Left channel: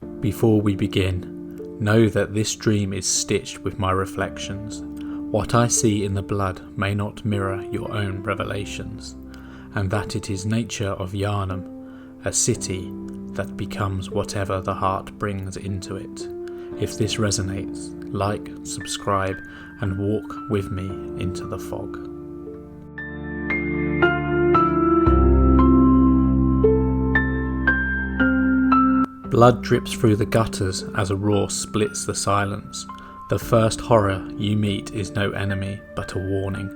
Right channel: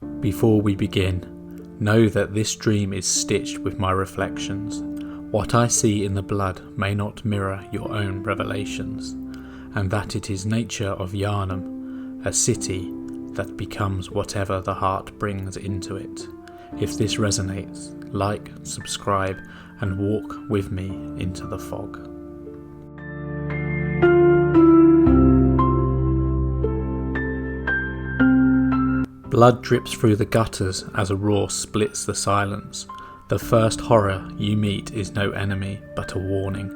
Before we begin, know that this dream is stitched with my reflections. What I see in the blood may not mirror your own revelations, and that it is nature of Yharnam, a city that becomes whatever the heart brings into it. If this resonates, like, subscribe, and walk with me into the fog. Blood drips through the gutters as a roar splits the silence. The first horror you meet is no enemy, but a warning.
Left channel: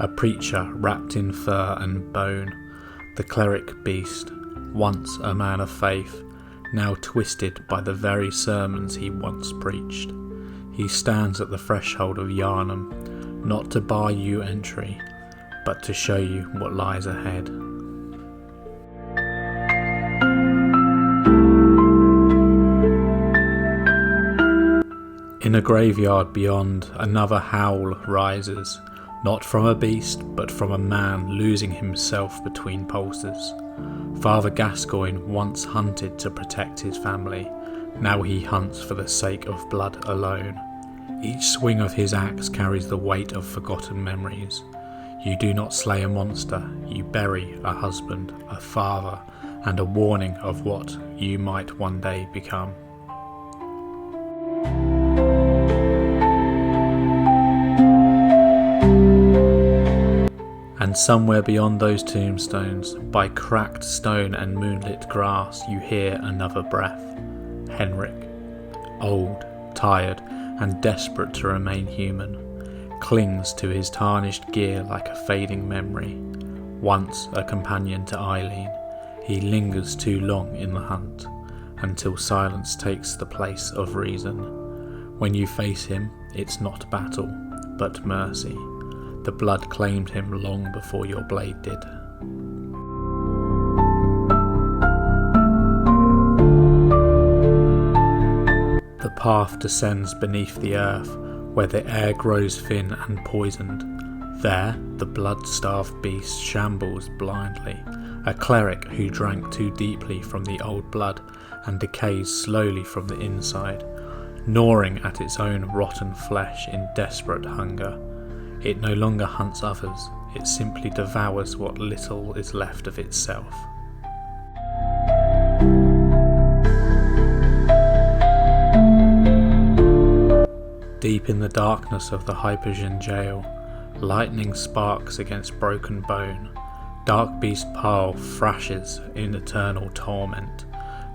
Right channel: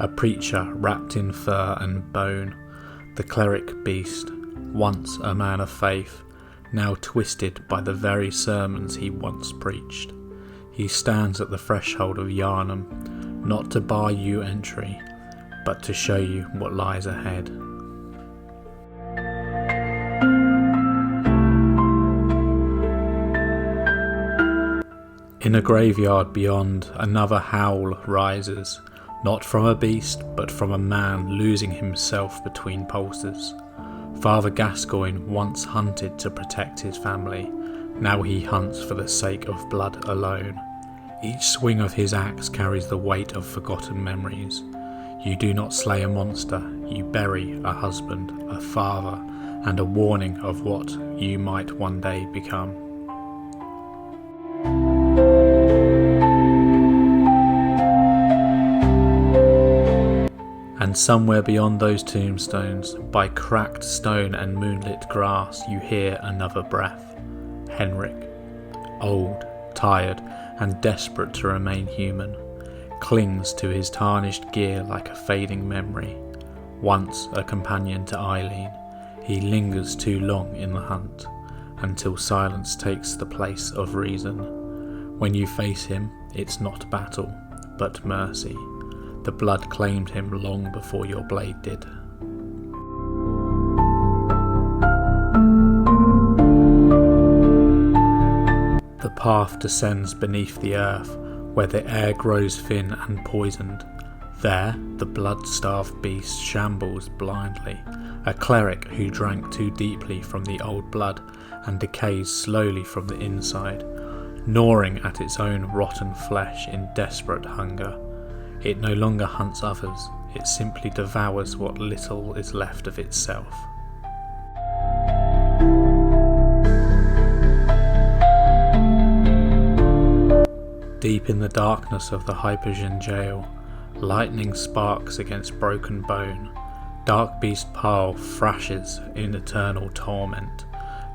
A preacher wrapped in fur and bone. The cleric beast, once a man of faith, now twisted by the very sermons he once preached. He stands at the threshold of Yharnam, not to bar you entry, but to show you what lies ahead. In a graveyard beyond, another howl rises, not from a beast, but from a man losing himself between pulses. Father Gascoigne once hunted to protect his family, now he hunts for the sake of blood alone. Each swing of his axe carries the weight of forgotten memories. You do not slay a monster, you bury a husband, a father, and a warning of what you might one day become. And somewhere beyond those tombstones, by cracked stone and moonlit grass, you hear another breath. Henryk, old, tired, and desperate to remain human, clings to his tarnished gear like a fading memory. Once a companion to Eileen, he lingers too long in the hunt, until silence takes the place of reason. When you face him, it's not battle, but mercy. The blood claimed him long before your blade did. The path descends beneath the earth, where the air grows thin and poisoned. There, the blood-starved beast shambles blindly, a cleric who drank too deeply from the old blood and decays slowly from the inside, gnawing at its own rotten flesh in desperate hunger. It no longer hunts others, it simply devours what little is left of itself. Deep in the darkness of the Hypersian jail, lightning sparks against broken bone. Dark beast Paul thrashes in eternal torment,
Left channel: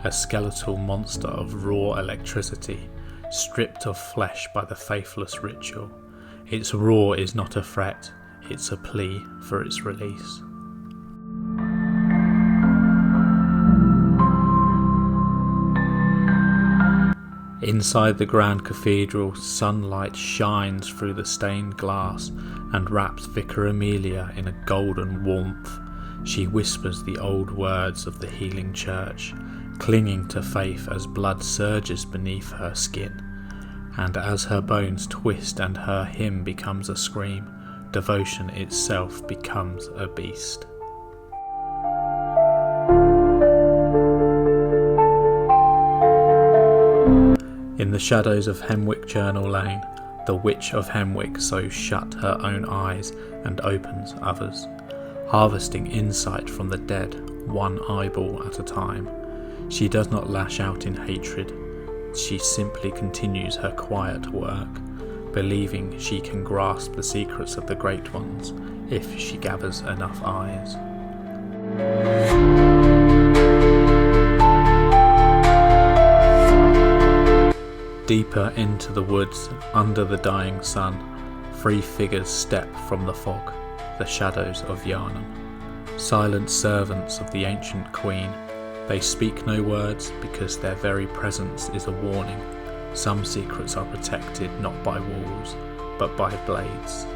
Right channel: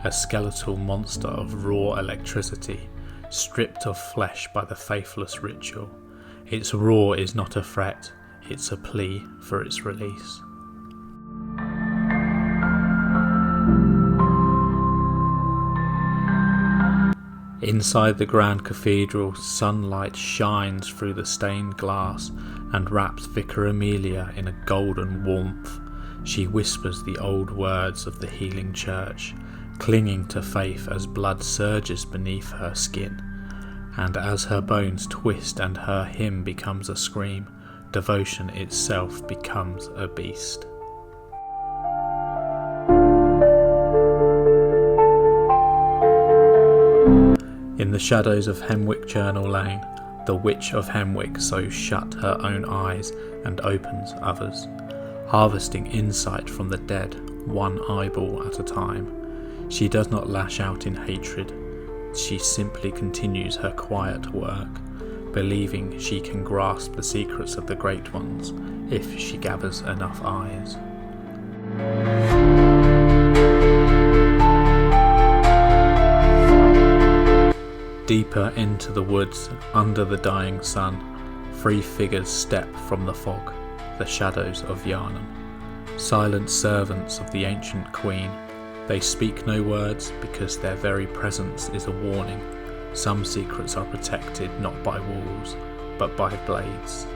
a skeletal monster of raw electricity, stripped of flesh by the faithless ritual. Its roar is not a threat, it's a plea for its release. Inside the grand cathedral, sunlight shines through the stained glass and wraps Vicar Amelia in a golden warmth. She whispers the old words of the healing church, clinging to faith as blood surges beneath her skin. And as her bones twist and her hymn becomes a scream, devotion itself becomes a beast. In the shadows of Henwyck Journal Lane, the Witch of Henwyck sews shut her own eyes and opens others, harvesting insight from the dead, one eyeball at a time. She does not lash out in hatred. She simply continues her quiet work, believing she can grasp the secrets of the great ones if she gathers enough eyes. Deeper into the woods, under the dying sun, 3 figures step from the fog, the shadows of Yharnam. Silent servants of the ancient queen, they speak no words because their very presence is a warning. Some secrets are protected not by walls, but by blades.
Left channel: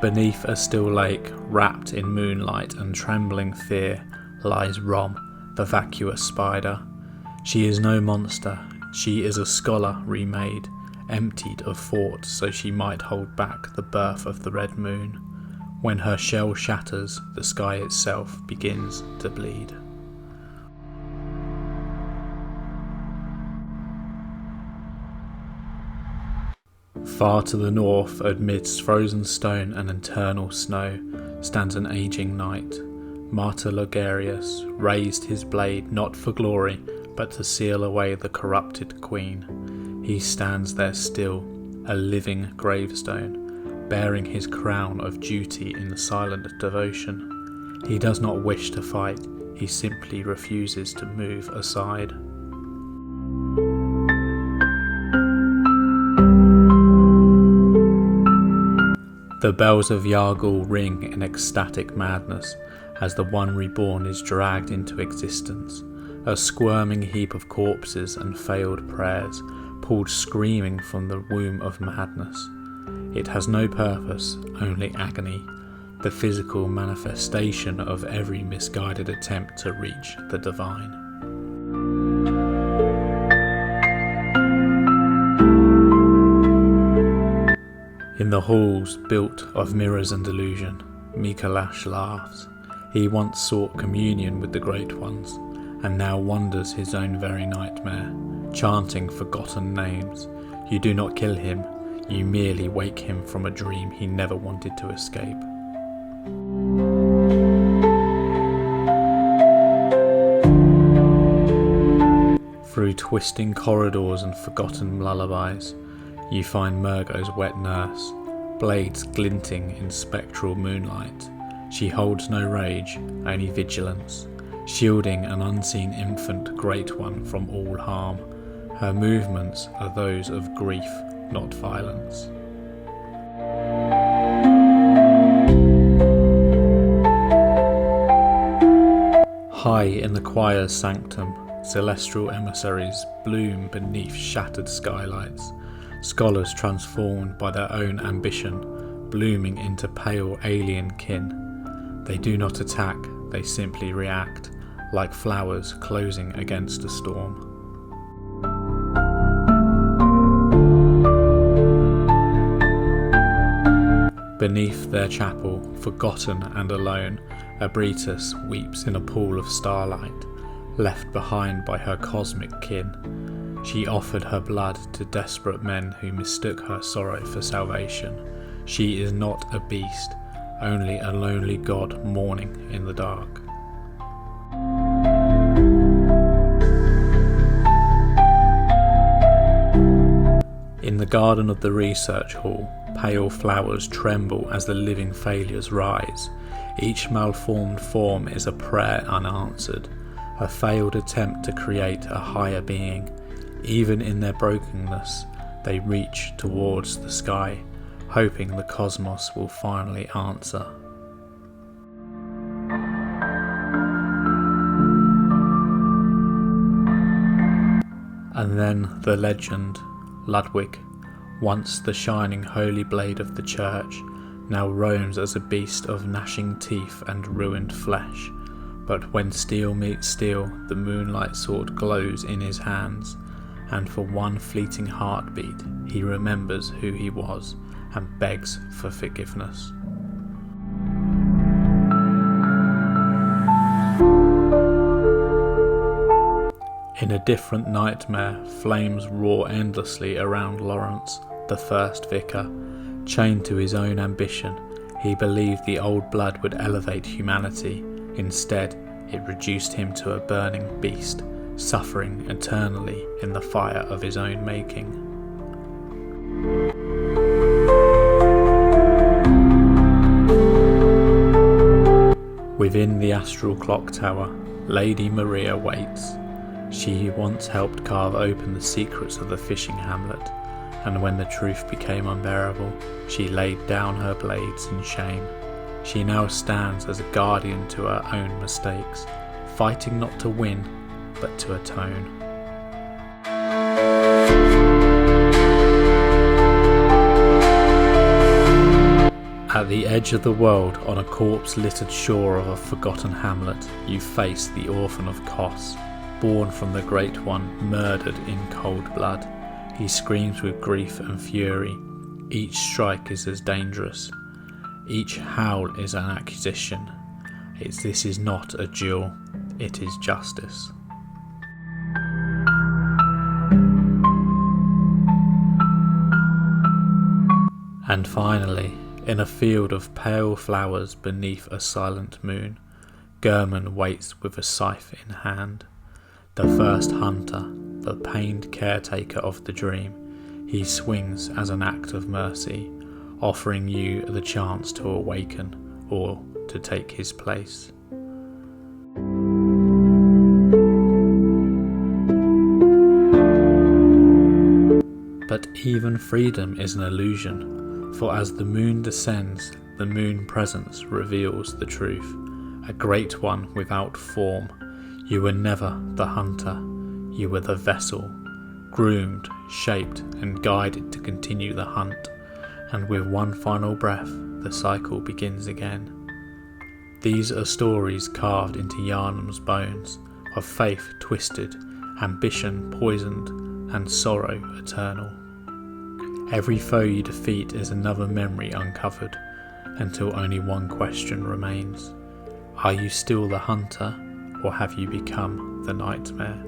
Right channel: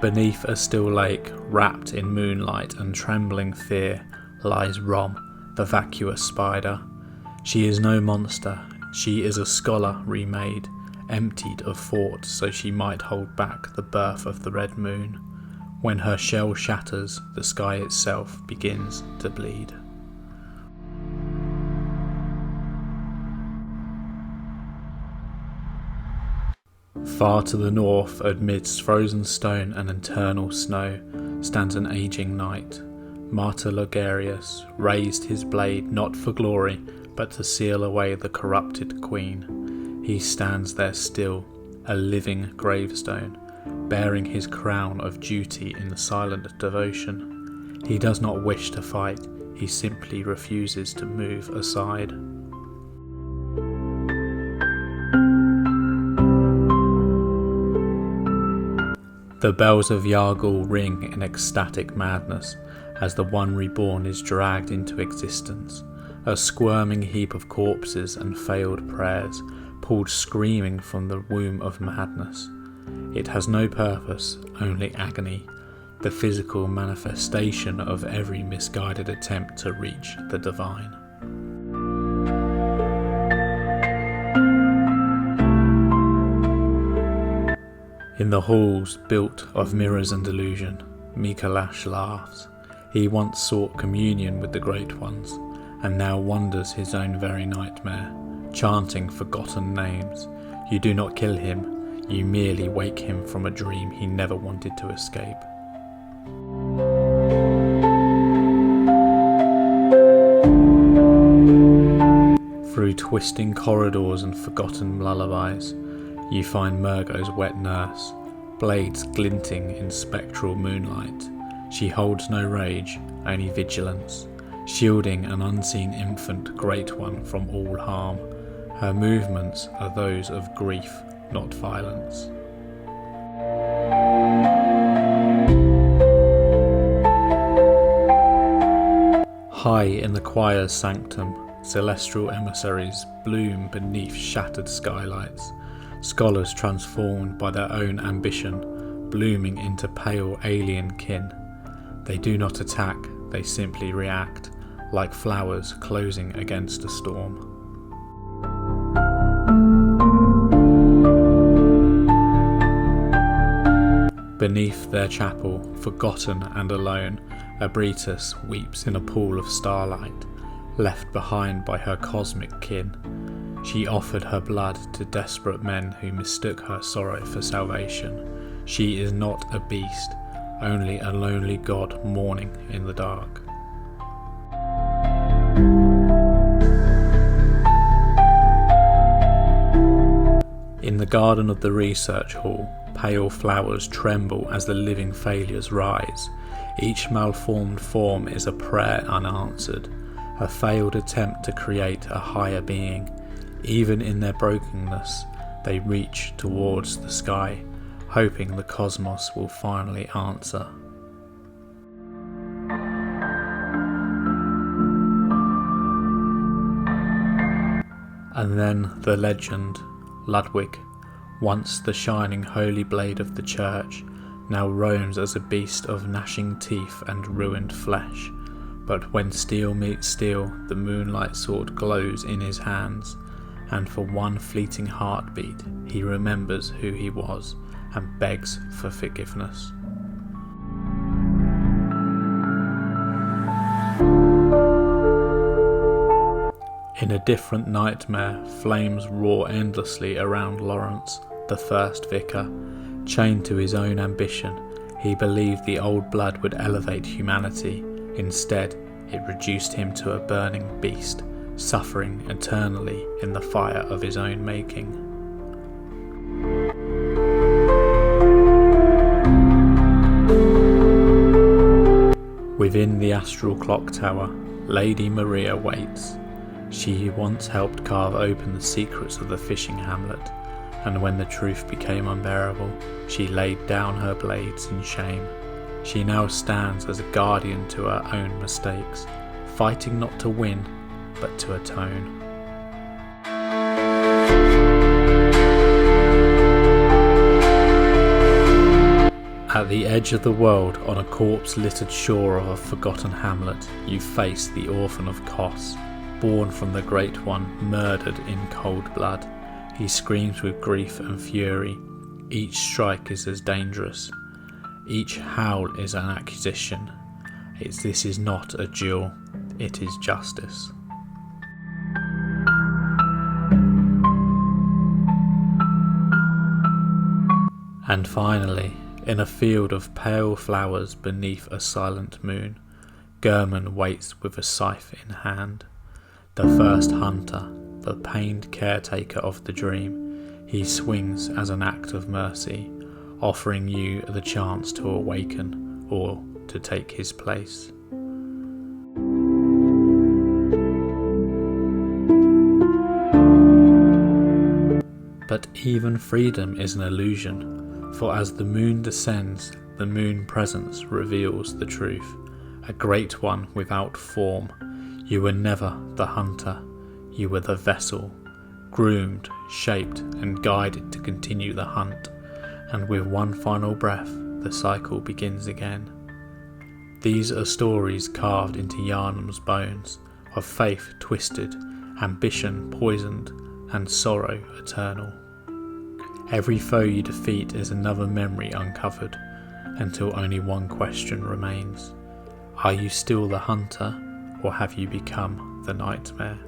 Beneath a still lake, wrapped in moonlight and trembling fear, lies Rom, the vacuous spider. She is no monster, she is a scholar remade, emptied of thought so she might hold back the birth of the red moon. When her shell shatters, the sky itself begins to bleed. Far to the north, amidst frozen stone and eternal snow, stands an aging knight. Martyr Logarius raised his blade not for glory, but to seal away the corrupted queen. He stands there still, a living gravestone, bearing his crown of duty in silent devotion. He does not wish to fight, he simply refuses to move aside. The bells of Yargul ring in ecstatic madness as the one reborn is dragged into existence, a squirming heap of corpses and failed prayers, pulled screaming from the womb of madness. It has no purpose, only agony, the physical manifestation of every misguided attempt to reach the divine. In the halls built of mirrors and illusion, Mikolash laughs. He once sought communion with the Great Ones, and now wanders his own very nightmare, chanting forgotten names. You do not kill him, you merely wake him from a dream he never wanted to escape. Through twisting corridors and forgotten lullabies, you find Murgo's wet nurse, blades glinting in spectral moonlight. She holds no rage, only vigilance, shielding an unseen infant great one from all harm. Her movements are those of grief, not violence. High in the choir's sanctum, celestial emissaries bloom beneath shattered skylights. Scholars transformed by their own ambition, blooming into pale alien kin. They do not attack, they simply react, like flowers closing against a storm. Beneath their chapel, forgotten and alone, Ebrietas weeps in a pool of starlight, left behind by her cosmic kin. She offered her blood to desperate men who mistook her sorrow for salvation. She is not a beast, only a lonely god mourning in the dark. In the garden of the research hall, pale flowers tremble as the living failures rise. Each malformed form is a prayer unanswered, a failed attempt to create a higher being. Even in their brokenness, they reach towards the sky, hoping the cosmos will finally answer. And then the legend, Ludwig, once the shining holy blade of the church, now roams as a beast of gnashing teeth and ruined flesh. But when steel meets steel, the moonlight sword glows in his hands, and for one fleeting heartbeat he remembers who he was and begs for forgiveness. In a different nightmare, flames roar endlessly around Lawrence, the first vicar. Chained to his own ambition, he believed the old blood would elevate humanity. Instead, it reduced him to a burning beast, suffering eternally in the fire of his own making. Within the astral clock tower, Lady Maria waits. She once helped carve open the secrets of the fishing hamlet, and when the truth became unbearable, she laid down her blades in shame. She now stands as a guardian to her own mistakes, fighting not to win, but to atone. At the edge of the world, on a corpse-littered shore of a forgotten hamlet, you face the Orphan of Kos, born from the Great One, murdered in cold blood. He screams with grief and fury. Each strike is as dangerous. Each howl is an accusation. This is not a duel, it is justice. And finally, in a field of pale flowers beneath a silent moon, Gehrman waits with a scythe in hand. The first hunter, the pained caretaker of the dream, he swings as an act of mercy, offering you the chance to awaken or to take his place. But even freedom is an illusion, for as the moon descends, the moon presence reveals the truth, a great one without form. You were never the hunter, you were the vessel, groomed, shaped and guided to continue the hunt, and with one final breath the cycle begins again. These are stories carved into Yharnam's bones, of faith twisted, ambition poisoned, and sorrow eternal. Every foe you defeat is another memory uncovered, until only one question remains. Are you still the hunter, or have you become the nightmare?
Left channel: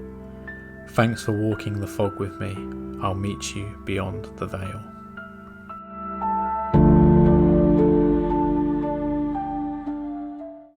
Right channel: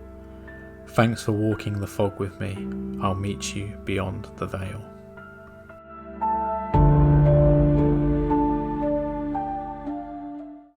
Thanks for walking the fog with me. I'll meet you beyond the veil.